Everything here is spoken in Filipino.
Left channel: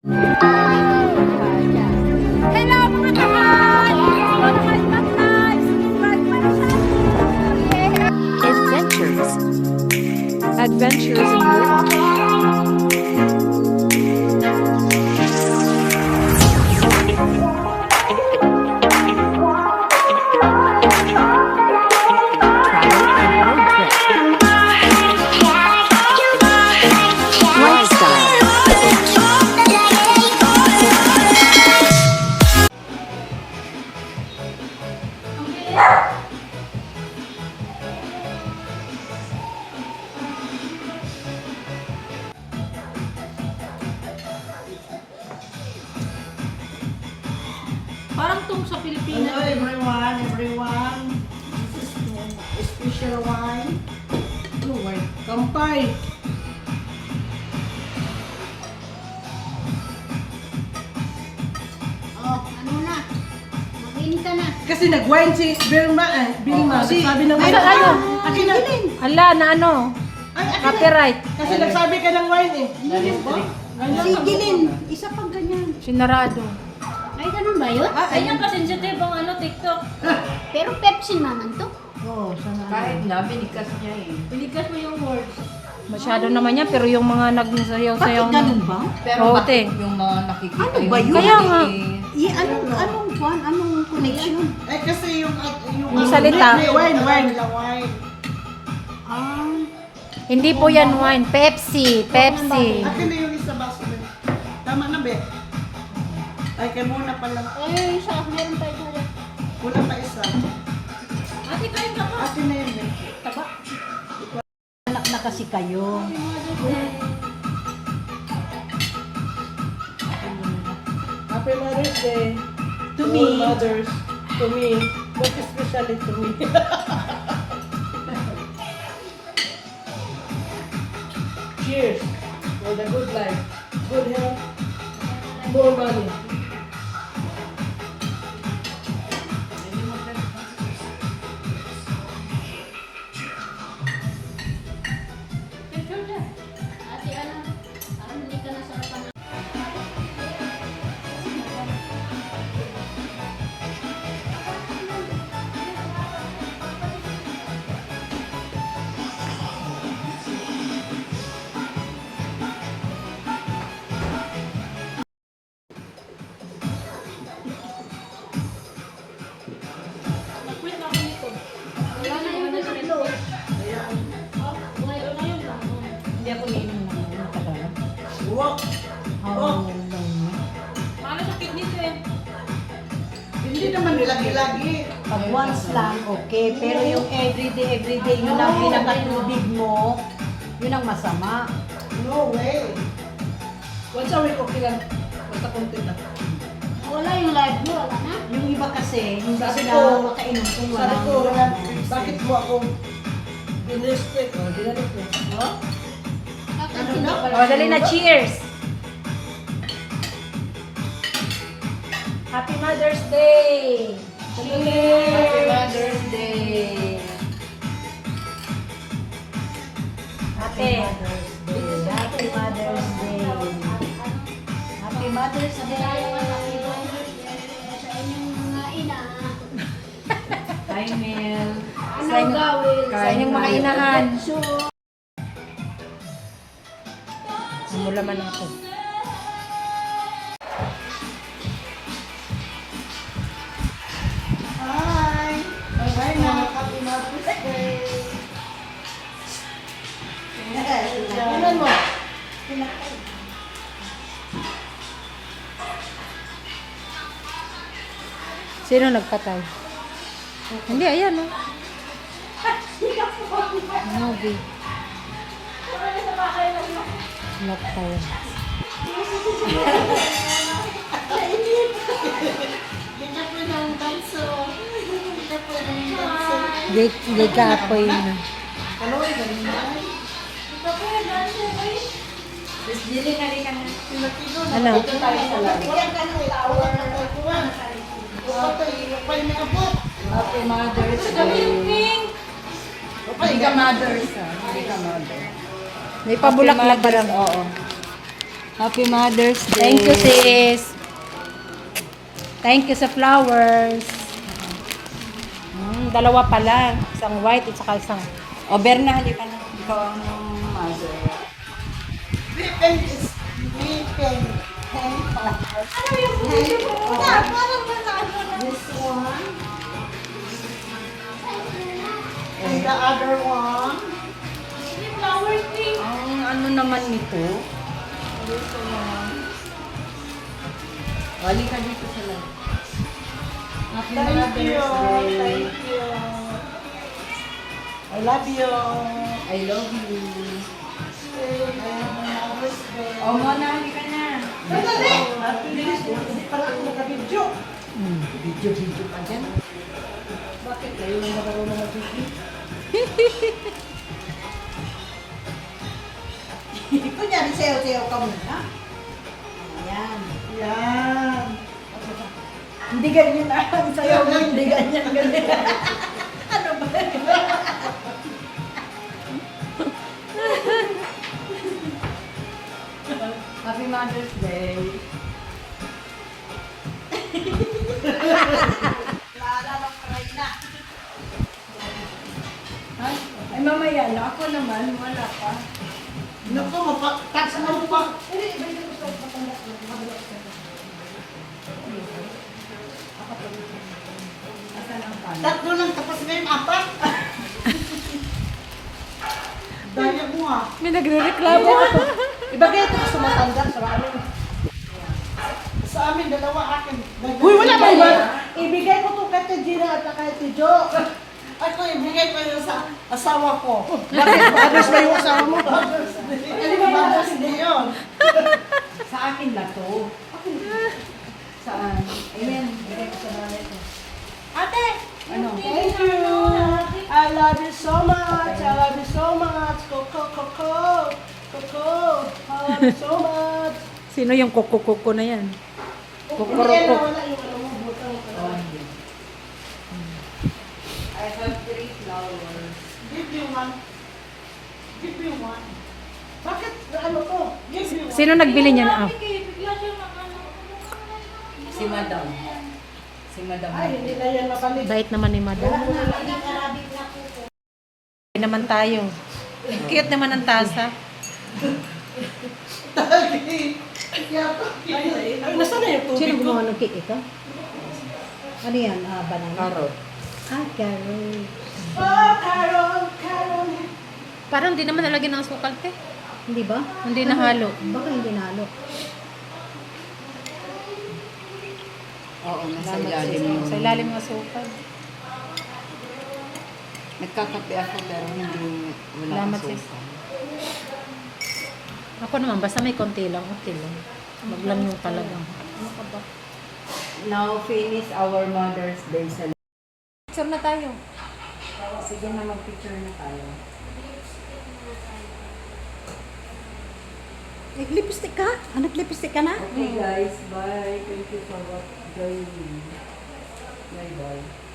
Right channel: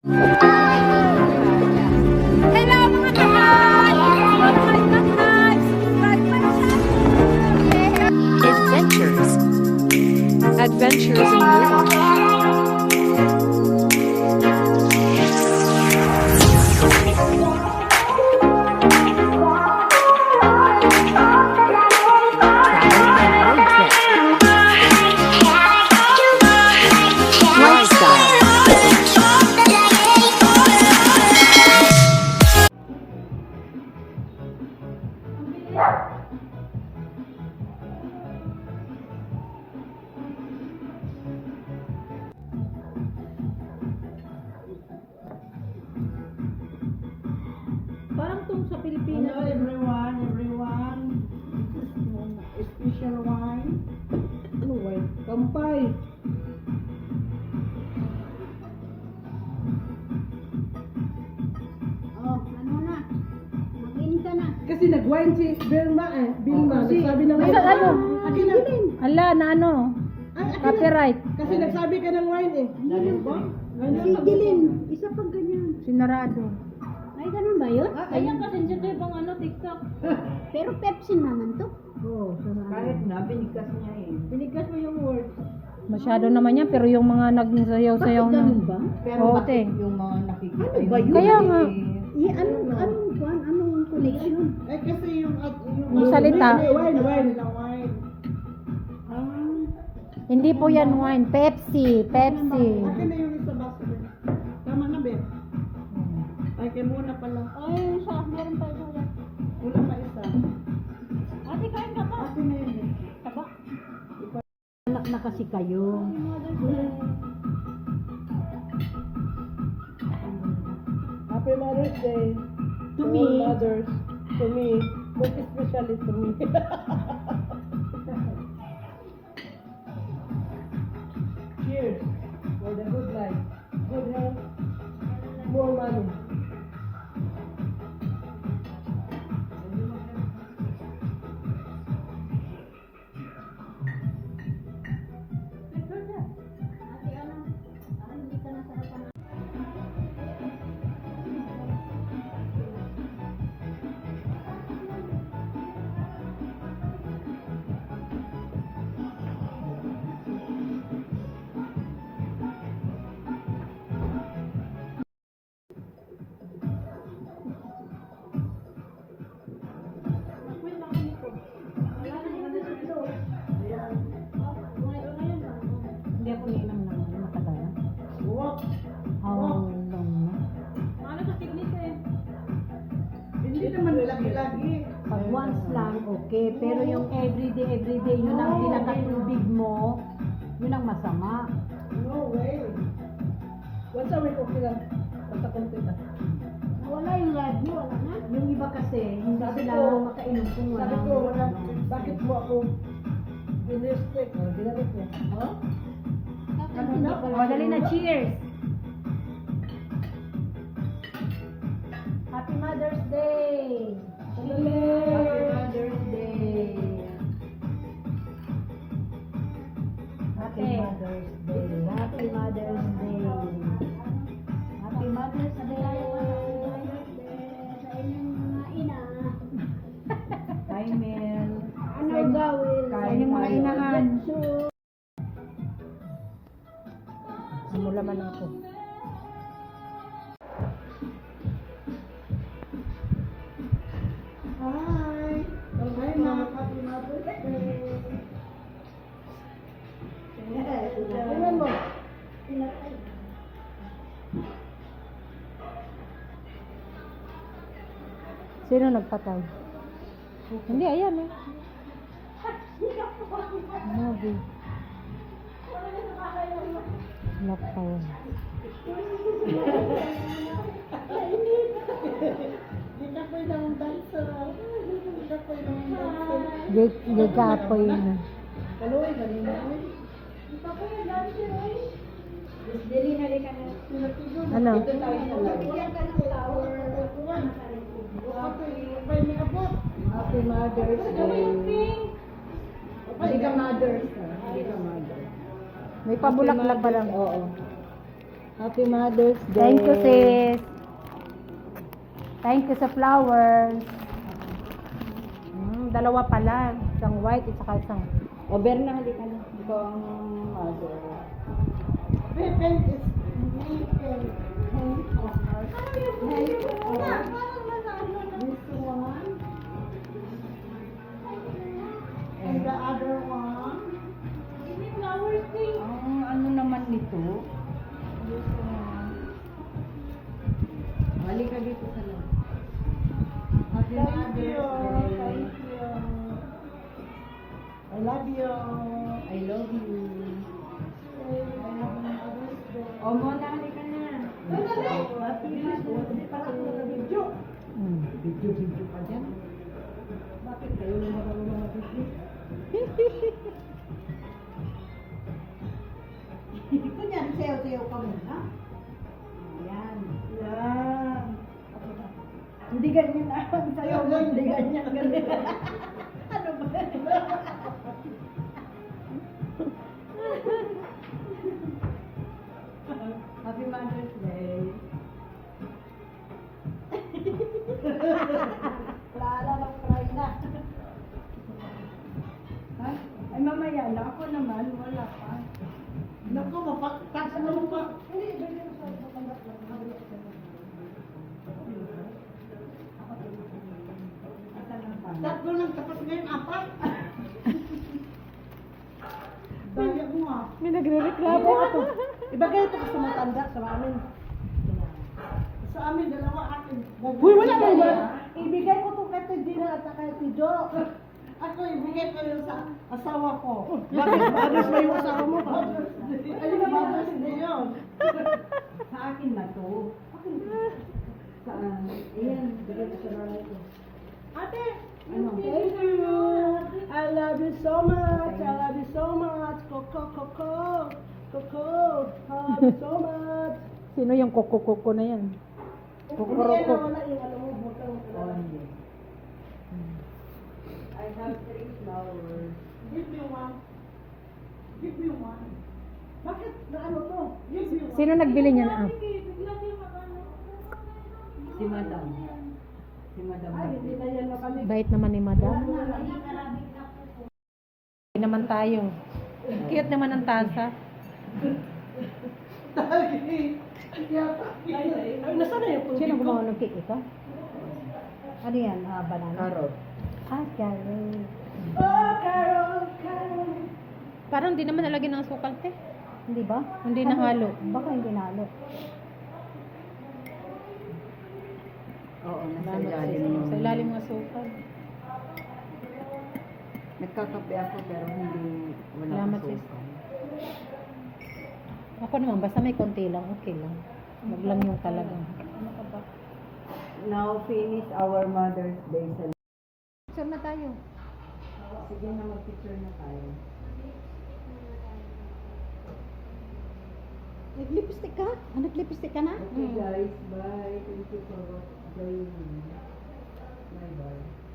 Hello mga kawan! Subscribe my channel! Adventures. Adventures in Ruach. Travel and road trip. Lifestyle. Parang tong sa Pilipinas. Hello everyone. This is special wine. Oh, wine. Kampay. Oh, ano na? Mag-in ka na. Kasi nag-wine si Vilma Vilma. Sabi ng Ay, ano? Akin na. Ala, na ano? Ay, akin na. Copyright. Kasi nagsabi ka ng wine eh. Ganyan ba? Si Gilin, isa pang ganyan. Sinarado. Ay, ganun ba yun? Ayan ka sensitive ang ano, TikTok. Pero Pepsi naman to. Oo, sana. Kahit na, binigkas niya eh. Binigkas mo yung words. Masyado naman yan, pero yung mga nagsayaw-sayaw na. ba? Pero Oo, bakit te. yung mga nakikita Ano ba yung yun? Kaya nga. Anong kwan? Anong connection? Eh kasi yung Yung salita. Wine. Ah, Hindi po yan wine. Pepsi. Pepsi. Akin na yung isa baso. Tama na be. Ay, kay muna pala. ay, isa. Meron pa ito. Wala pa isa. Ate, kain ka pa. Akin na yun eh. Anak na kasi kayo. Happy Mother's Day. To all me. mothers. To me. But especially to me. Cheers for the good life, good health, more money. Ate, ano? Hindi ka na sarapan. Hindi ako nainom ng matagal na. Walk. How long na? Ano sa kidney to eh? Hindi naman lagi-lagi. Pag once lang, okay. Pero yung everyday, yun ang pinakatubig mo, yun ang masama. No way. Once a week, okay lang. Basta konti na. Wala yung live mo, wala na. Yung iba kasi, hindi Sabi sila ko- makainom kung Sabi walang... ko, bakit mo ako binistik? O, ginanit niya. Ha? Ano na? O, dali na. Cheers! Happy Mother's Day! Happy Mother's Day! Ate. Mother's Day. Happy Mother's Day. Happy Mother's Day. Sa inyong mga ina. Hi, Mel. Ano gawin? Sa inyong mga inahan. Mula man ako. Hi! Bye na. Happy Mother's Day. Tingnan mo. Sino nagpatay? Hindi, ayan o. Movie. Lockdown. Di kapoy na. Ano? Happy Mother's Day. Hindi ka mothers ha. Hindi ka mother. May pabulaklak ka lang. Oo. Happy Mother's Day. Thank you, sis. Thank you sa flowers. Dalawa pala. Isang white at saka isang... O, Berna, hindi ka na. Ikaw ang mother. Weekend is weekend. Ano yung parang this one. And the other one. Ang ano naman nito? Balik ka dito sa lang. Happy Thank Mother's you. Day. Thank you. I love you. I love you. O, Mona, halika na. Happy birthday. Hindi pala ako naka-video. Video pa dyan. Bakit kayo yung nagkaroon ng video? Kunyari, sayaw-sayaw ka muna. Ayan. Yan. Hindi ganyan na. Ang sayaw mo, hindi ganyan. Ano ba? Happy Mother's Day. Lala ng karay na. Ay, mamaya na. Ako naman, wala pa. Naku, mapatats na pa. Asan ang pan? Tatlo lang tapos ngayon, apat. Daya mo ah. May nagre-reklamo ako. Ibagay ito sa matanda sa amin. Sa amin, dalawa akin. Uy, wala ba iba? Ibigay ko to kay Gina at kay Tijo. Ako, ibigay ko yun sa asawa ko. Bakit? Others ba yung asawa mo? Ano ba Mother's Day yun? Sa akin na to. Saan? Ayan, bigay ko sa nanay ko. Ate! Ano? Thank you! I love you so much! I love you so much! Coco, Coco! Coco! I love you so much! Sino yung kuko-kuko na yan? Hindi yan Kukuroko. nawala yung ano mo, butang Oh, hindi. I have 3 flowers. Give you one. Give you one. Bakit? Ano to? Give you one. Sino nagbili niyan? Ah. Si Madam. Si Madam. Ay, hindi na yan mabalik. Bait naman ni madam. Bait naman tayo. Cute naman ang tasa. Ay, nasaan na yung tubig Sino ko? gumawa ng cake ito? Ano yan? Banana? Carrot. Ah, carrot. Oh, Carol! Carol! Parang hindi naman nalagyan ng asukal, te. Hindi ba? Hindi nahalo. Baka hindi nalo. Oo, nasa Salamat ilalim sis. yun. Sa ilalim ng asukal. Nagkakape ako pero hindi wala Salamat, asukal. sis. Ako naman, basta may konti lang, okay lang. Wag lang yung talaga. Ano ka ba? Now finish our Mother's Day sa Picture na tayo. Sige na, mag-picture na tayo. Nag-lipstick ka? Ah, nag-lipstick ka na? Okay guys, bye. Thank you for joining. Bye bye.